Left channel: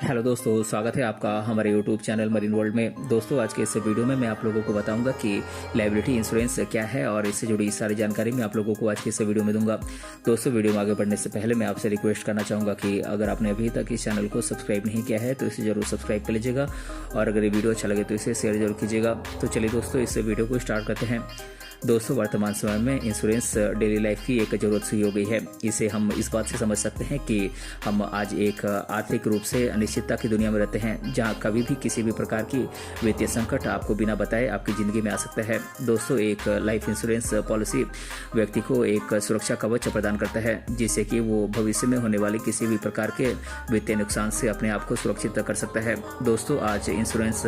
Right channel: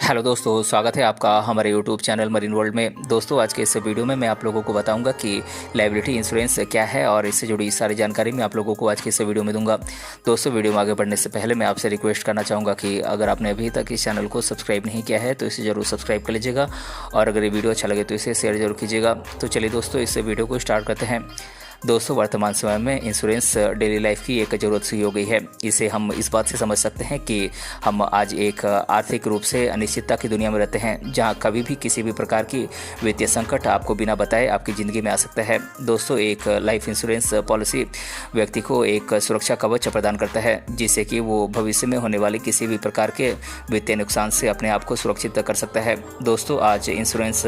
Hello दोस्तों, स्वागत है आपका हमारे यूट्यूब चैनल मरीन वर्ल्ड में। दोस्तों, आज के इस वीडियो में मैं आप लोगों को बताऊंगा कि लायबिलिटी इंश्योरेंस क्या है और इससे जुड़ी सारी जानकारी मैं आप लोगों को आज के इस वीडियो में दूंगा। दोस्तों, वीडियो में आगे बढ़ने से पहले मैं आपसे रिक्वेस्ट करना चाहूँगा कि अगर आपने अभी तक इस चैनल को सब्सक्राइब नहीं किया है तो इसे ज़रूर सब्सक्राइब कर लीजिएगा और अगर ये वीडियो अच्छा लगे तो इसे शेयर जरूर कीजिएगा। तो चलिए दोस्तों, इस वीडियो को स्टार्ट करते हैं। दोस्तों, वर्तमान समय में इंश्योरेंस डेली लाइफ की एक ज़रूरत सी हो गई है। इसे हम इस बात से समझ सकते हैं कि हम आज एक आर्थिक रूप से अनिश्चितता की दुनिया में रहते हैं, जहां कभी भी किसी भी प्रकार की वित्तीय संकट आपको बिना बताए आपकी ज़िंदगी में आ सकता है। दोस्तों, एक लाइफ इंश्योरेंस पॉलिसी व्यक्ति को एक सुरक्षा कवच प्रदान करता है, जिससे कि वो भविष्य में होने वाले किसी भी प्रकार के वित्तीय नुकसान से अपने आप को सुरक्षित कर सकता है। दोस्तों, आज इंश्योरेंस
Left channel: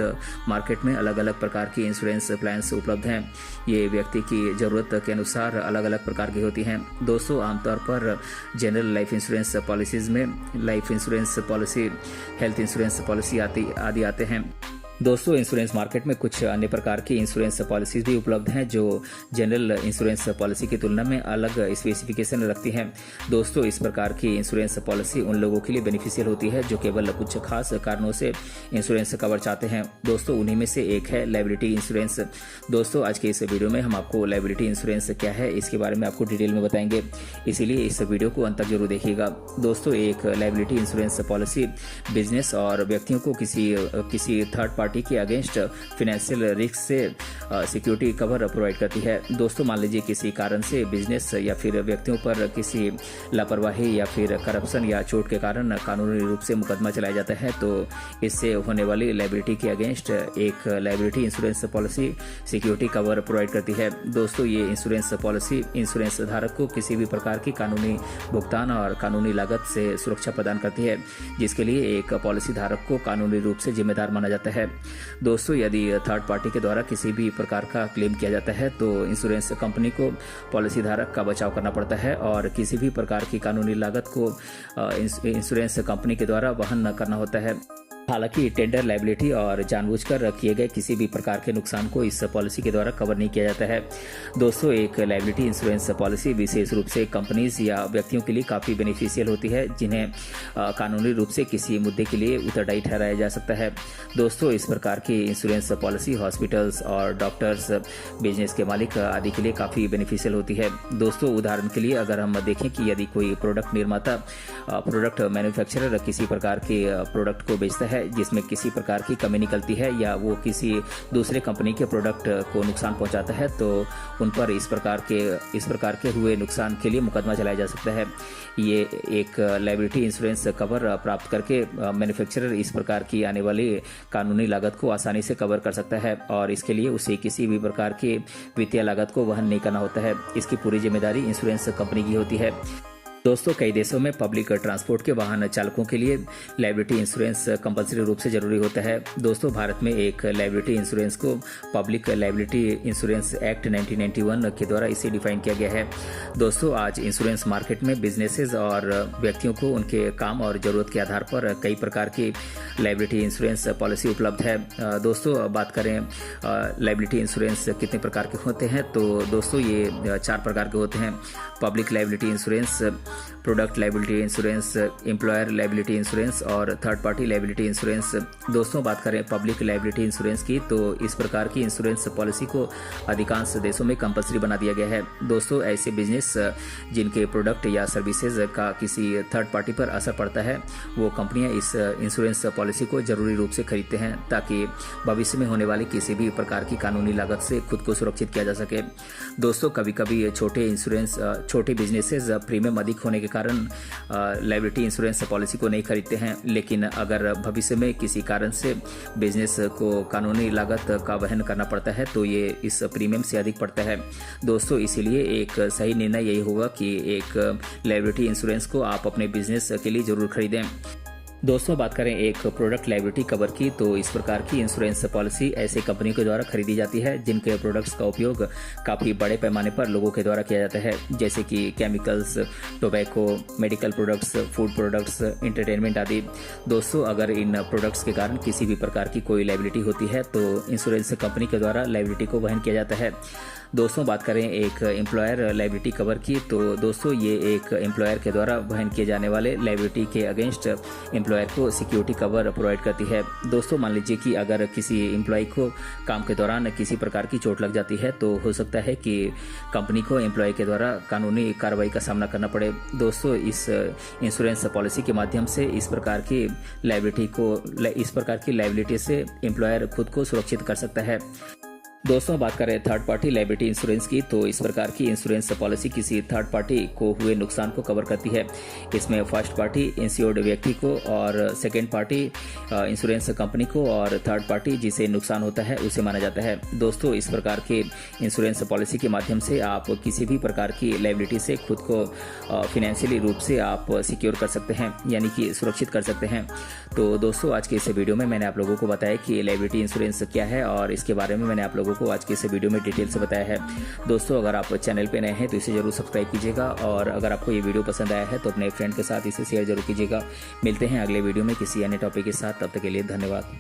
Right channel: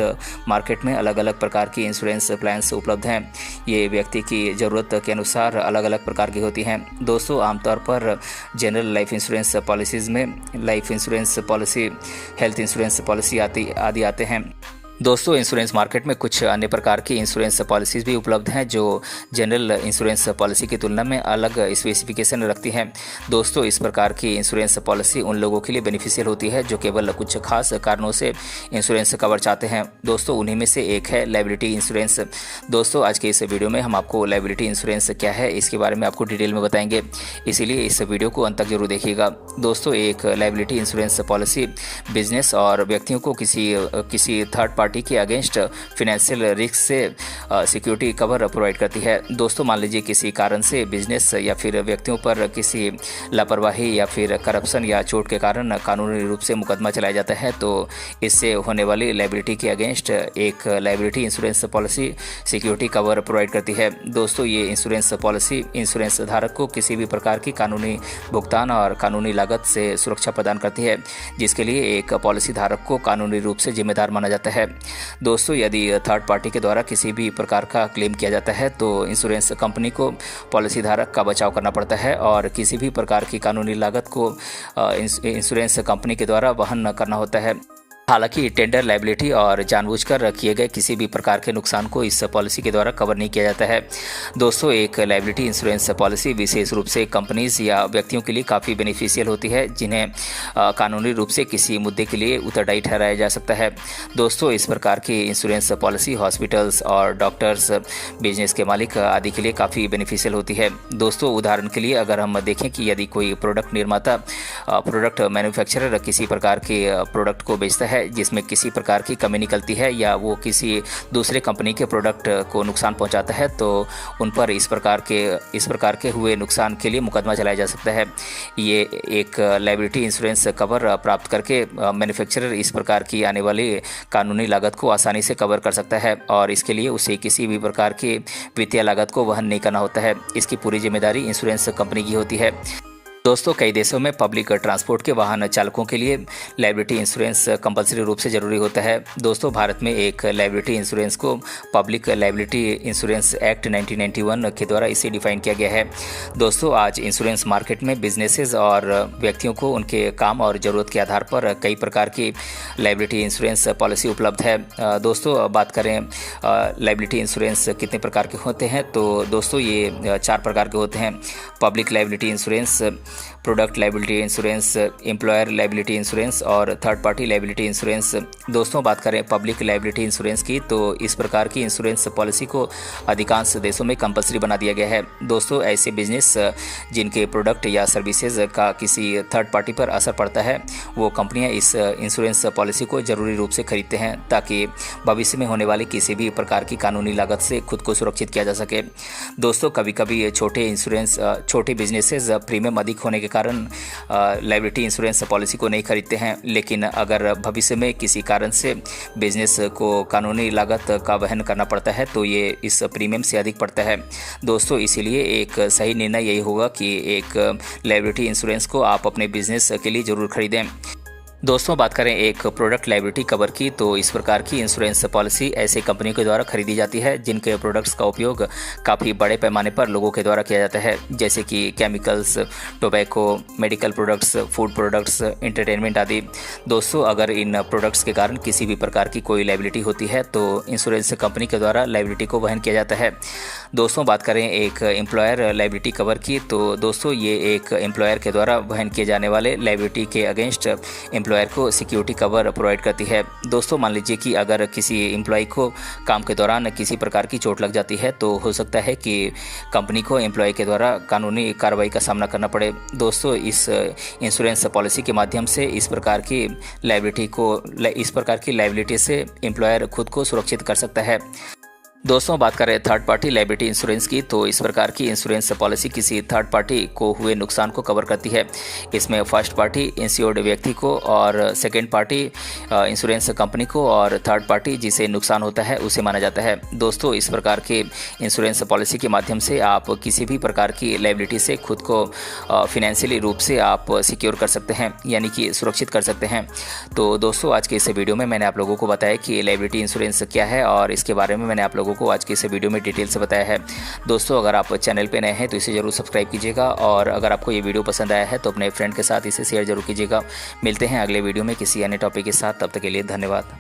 मार्केट में अलग अलग प्रकार की इंश्योरेंस प्लान्स उपलब्ध हैं। ये व्यक्ति की ज़रूरत के अनुसार अलग अलग प्रकार की होती हैं। दोस्तों, आमतौर पर जनरल लाइफ इंश्योरेंस पॉलिसीज़ में life insurance policy, health insurance policy आदि आते हैं। दोस्तों, इंश्योरेंस मार्केट में कुछ अन्य प्रकार की इंश्योरेंस पॉलिसीज़ भी उपलब्ध हैं जो जनरल इंश्योरेंस पॉलिसी की तुलना में अलग स्पेसिफिकेशन रखती हैं। दोस्तों, इस प्रकार की इंश्योरेंस पॉलिसी उन लोगों के लिए बेनिफिशियल होती है जो केवल कुछ खास कारणों से इंश्योरेंस कवर चाहते हैं। दोस्तों, उन्हीं में से एक है लायबिलिटी इंश्योरेंस। दोस्तों, आज के इस वीडियो में हम आपको लायबिलिटी इंश्योरेंस क्या है इसके बारे में आपको डिटेल में बताएंगे, इसीलिए इस वीडियो को अंत तक जरूर देखिएगा। दोस्तों, एक लायबिलिटी इंश्योरेंस पॉलिसी बिजनेस और व्यक्तियों को किसी थर्ड पार्टी के अगेंस्ट फाइनेंशियल रिस्क से सिक्योरिटी कवर प्रोवाइड करती है। दोस्तों, मान लीजिए किसी कारण से बिजनेस या फिर व्यक्तियों पर किसी लापरवाही या फिर करप्शन या चोट के कारण कानूनी रूप से मुकदमा चलाया जाता है, तो इससे होने वाली लायबिलिटी के अगेंस्ट एक liability insurance policy security cover provide करती है। दोस्तों, ये इंश्योरेंस पॉलिसी इंश्योरेंस धारक को किसी भी प्रकार की कानूनी भुगतान और कानूनी लागत से सुरक्षा प्रदान करती है, जिसके लिए एक पॉलिसी धारक को कानूनी रूप से जिम्मेदार माना जाता है। दोस्तों, यदि थर्ड पार्टी के द्वारा किसी भी प्रकार का क्लेम किया जाता है तो इंश्योरेंस कंपनी को पॉलिसी धारक का बचाव करना पड़ता है और किसी भी प्रकार की कानूनी लागत को इंश्योरेंस कंपनी के द्वारा वहन करना होता है। हालांकि टेंडर लायबिलिटी और जानबूझकर किए गए किसी भी प्रकार के नुकसान को इस पॉलिसी के द्वारा कवर नहीं किया जाता है। दोस्तों, एक लायबिलिटी इंश्योरेंस पॉलिसी विशेष रूप से कंपनीज या व्यक्तियों के लिए काफ़ी बेनिफिशियल होती है, जिन्हें कानूनी रूप से किसी मुद्दे के लिए उत्तरदायी ठहराया जा सकता है। दोस्तों, इस प्रकार की इंश्योरेंस पॉलिसी हॉस्पिटल्स और डॉक्टर्स, बिजनेस के मालिक आदि के लिए काफ़ी बेनिफिशियल होती है। दोस्तों, उदाहरण के लिए अगर हम देखें कि यदि कोई प्रोडक्ट निर्माता, प्रोडक्ट मैन्युफैक्चरर किसी प्रकार के प्रोडक्ट को बेचता है जिसमें किसी प्रकार की कमी निकलती है या वो किसी दूसरे कंपनी के प्रोडक्ट को नुकसान पहुंचाता है, तो उन पर इस प्रकार के हुए नुकसान के लिए मुकदमा चलाया जा सकता है। ये एक लायबिलिटी इंश्योरेंस कवर प्राप्त करके मैन्युफैक्चरर इस प्रकार की आने वाली कानूनी लागत को आसानी से कवर कर सकता है और इसके लिए उसे किसी भी प्रकार की वित्तीय लागत को वहन नहीं करना होता है। इसकी पूरी जिम्मेदारी इंश्योरेंस कंपनी की होती है। दोस्तों, कई देशों में पब्लिक ट्रांसपोर्ट के वाहन चालकों के लिए लायबिलिटी इंश्योरेंस कंपलसरी रूप से जरूरी होता है। दोस्तों, भारत में एक लायबिलिटी इंश्योरेंस को पब्लिक लायबिलिटी इंश्योरेंस एक्ट 1991 के द्वारा इसे डिफाइन किया गया है। दोस्तों, आज इंश्योरेंस मार्केट में बिजनेसेस और व्यक्तियों को उनके काम और ज़रूरत के आधार पर कई प्रकार की लायबिलिटी इंश्योरेंस पॉलिसी उपलब्ध है। दोस्तों, बात करें लायबिलिटी इंश्योरेंस कितने प्रकार के होते हैं, तो दोस्तों ये 4 प्रकार के होते हैं। Public liability insurance, product liability insurance, employer liability insurance और थर्ड पार्टी लायबिलिटी इंश्योरेंस। दोस्तों, बात करें पब्लिक लायबिलिटी इंश्योरेंस की, तो इस प्रकार की इंश्योरेंस पॉलिसी को अधिकांश देशों में कंपलसरी बना दिया गया है। दोस्तों, ऐसे बिजनेस जिनके प्रोडक्ट या सर्विसेज का किसी थर्ड पार्टी पर असर पड़ता है, वो कंपनियां इस इंश्योरेंस पॉलिसी को जरूरी रूप से खरीदते हैं ताकि भविष्य में होने वाली किसी भी प्रकार की कानूनी लागत से खुद को सुरक्षित किया जा सके। दोस्तों, कभी कभी छोटे बिजनेसेस प्रीमियम अधिक होने के कारण लायबिलिटी इंश्योरेंस पॉलिसी को नहीं खरीदते हैं, लेकिन अगर भविष्य में किसी कारण से बिजनेस को कानूनी लागत का वहन करना पड़ता है तो ये इस प्रीमियम से अधिक पड़ता है। दोस्तों, इसीलिए एक सही निर्णय यही होगा कि एक लायबिलिटी इंश्योरेंस को आप अपने बिजनेस के लिए ज़रूर खरीदें। दोस्तों, बात करें एक प्रोडक्ट लायबिलिटी कवर की, तो इस प्रकार की इंश्योरेंस पॉलिसी ऐसे कंपनियों के द्वारा खरीदी जाती है जिनके प्रोडक्ट्स का उपयोग काफ़ी बड़े पैमाने पर लोगों के द्वारा किया जाता है, जैसे कि chemicals, tobacco, medical products, food products, entertainment आदि। दोस्तों, अगर इन प्रोडक्ट्स के कारण किसी भी प्रकार की कोई लायबिलिटी होती है तो इंश्योरेंस कंपनी के द्वारा लायबिलिटी को वहन किया जाता है। दोस्तों, बात करें एक एम्प्लॉयर लायबिलिटी कवर की, तो दोस्तों ये एक एम्प्लॉयर के द्वारा वहन किए जाने वाले लायबिलिटी के अगेंस्ट एम्प्लॉयर को सिक्योरिटी कवर प्रोवाइड करती है। दोस्तों मान लीजिए कि अगर किसी एम्प्लॉय को काम के दौरान किसी प्रकार की चोट लग जाती है तो हो सकता है कि कंपनी को एम्प्लॉय के द्वारा कानूनी कार्रवाई का सामना करना पड़े। दोस्तों इस इंश्योरेंस पॉलिसी के माध्यम से इस प्रकार की लायबिलिटी से एम्प्लॉयर खुद को सुरक्षित कर सकता है। दोस्तों बात करें थर्ड पार्टी लायबिलिटी इंश्योरेंस की, तो इस प्रकार की इंश्योरेंस पॉलिसी किसी थर्ड पार्टी को हुए नुकसान को कवर करती है। इसमें फर्स्ट पार्टी इंश्योर्ड व्यक्ति को और सेकेंड पार्टी इंश्योरेंस कंपनी को और थर्ड पार्टी जिसे नुकसान होता है उसे माना जाता है। दोस्तों इस प्रकार के इंश्योरेंस पॉलिसी के माध्यम से आप किसी भी प्रकार की लायबिलिटी से खुद को फिनेंशियली रूप से आप सिक्योर कर सकते हैं, यानी कि सुरक्षित कर सकते हैं। तो दोस्तों आज के इस वीडियो में मैंने आप लोगों को बताया कि लायबिलिटी इंश्योरेंस क्या है और इसके बारे में मैंने आप लोगों को आज के इस वीडियो में डिटेल से बताया है। दोस्तों अगर आप चैनल पे नए हैं तो इसे जरूर सब्सक्राइब कीजिएगा और अगर आपको ये वीडियो पसंद आया है तो अपने फ्रेंड के साथ इसे शेयर जरूर कीजिएगा। मिलते हैं अगले वीडियो में किसी अन्य टॉपिक के साथ, तब तक के लिए धन्यवाद।